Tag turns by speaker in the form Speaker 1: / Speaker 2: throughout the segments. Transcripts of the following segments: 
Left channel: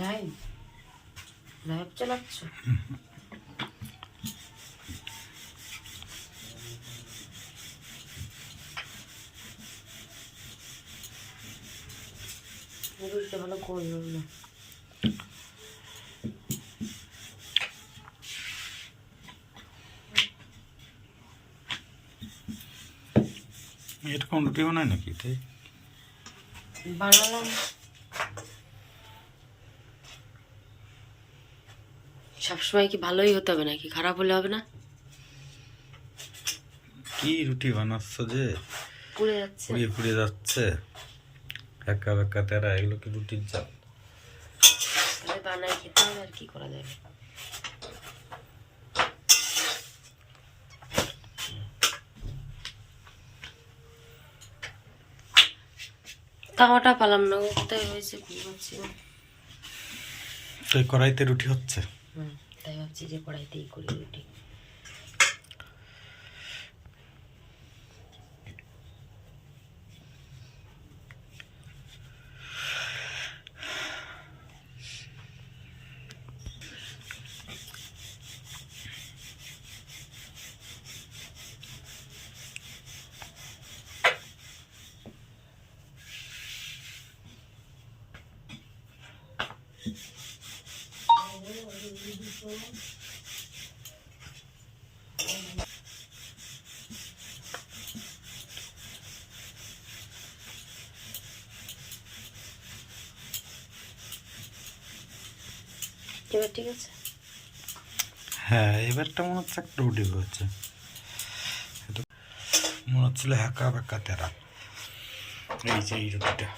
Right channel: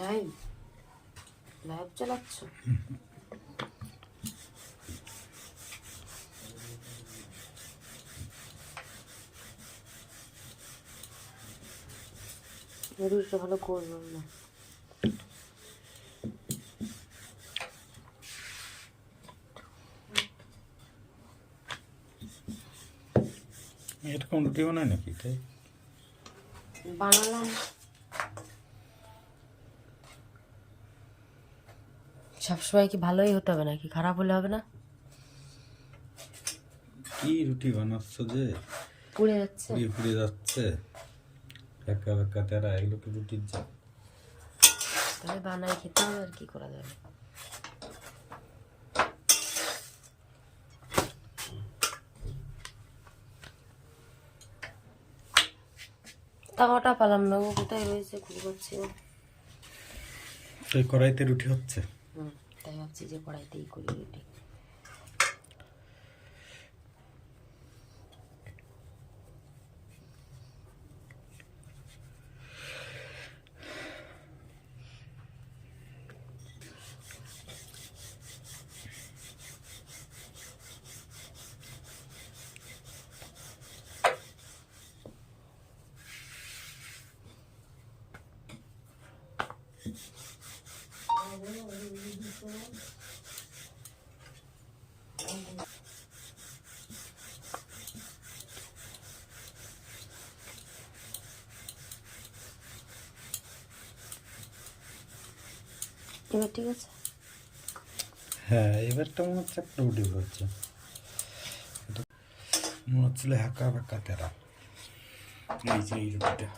Speaker 1: Live live চালাচ্ছ? ভালো করলাম না।
Speaker 2: এরকম রুটি বানায় নাকি তাই?
Speaker 1: বানালাম। সবসময় কি ভালোই হতে হবে নাকি? খারাপ হলে হবে না?
Speaker 2: কি রুটি বানাচ্ছ যে?
Speaker 1: পুড়ে যাচ্ছে।
Speaker 2: পুড়িয়ে পুড়িয়ে যাচ্ছে। একা বেকা তেরা এগুলো কি রুটির জাত
Speaker 1: তাহলে বানাই খেতে হবে আর কি করা যাবে তাওয়াটা পালাম না ও কোথায় রয়েছে কি না
Speaker 2: তো কড়াইতে রুটি হচ্ছে।
Speaker 1: তাই ভাবছি যে কড়াইতেই করি রুটি এবার ঠিক আছে?
Speaker 2: হ্যাঁ এবারটা মনে হচ্ছে একটা রুটি হচ্ছে মনে হচ্ছিল হাঁকা বাঁকা তেরা এই যে, এই রুটিটা।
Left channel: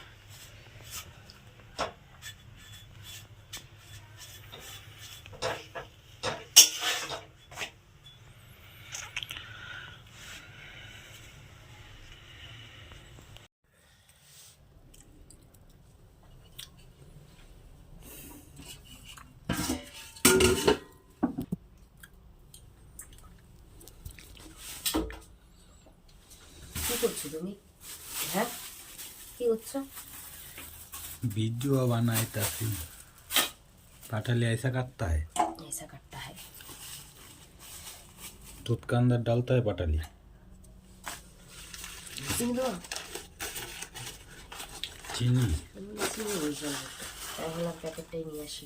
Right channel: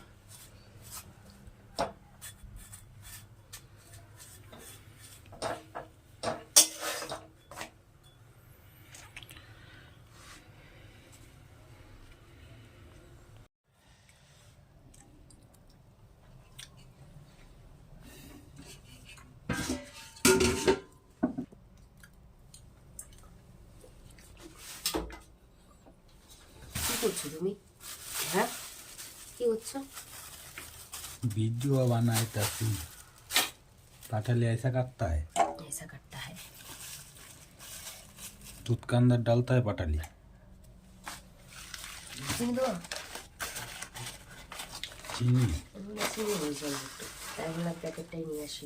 Speaker 1: কি করছো তুমি হ্যাঁ কি করছো
Speaker 2: वीडियो बनाए तासी पाठा ऐसा काटता है
Speaker 1: ऐसा करता है
Speaker 2: दूध का अंदर डालता है पटाली
Speaker 1: চিনি দেবো
Speaker 2: चीनी
Speaker 1: আমি না চিনি ওই জন্য তাই বললাম প্যাকেটটাই নিয়ে আসি